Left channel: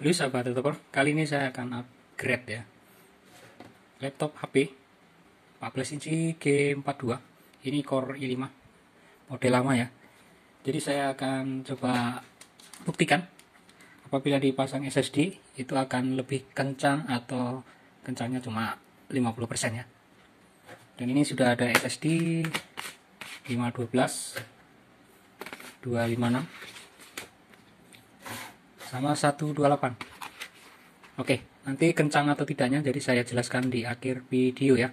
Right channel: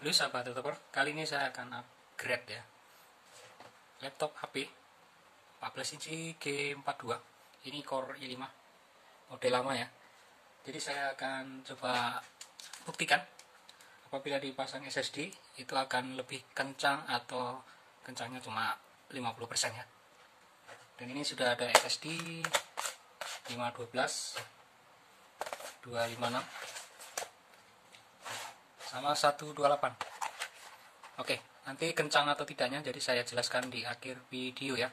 Halo sahabat tutor, kali ini saya akan upgrade ya laptop HP 14 inci G42. Ini Core i5 model lama ya. Jadi saya akan coba buktikan apabila dipasang SSD itu akan lebih kencang atau kencangnya cuma 50% ya. Dan ini sudah ada SSD 512 256 sama 128. Oke, nanti kencang atau tidaknya jadi saya jelaskan di akhir video ya.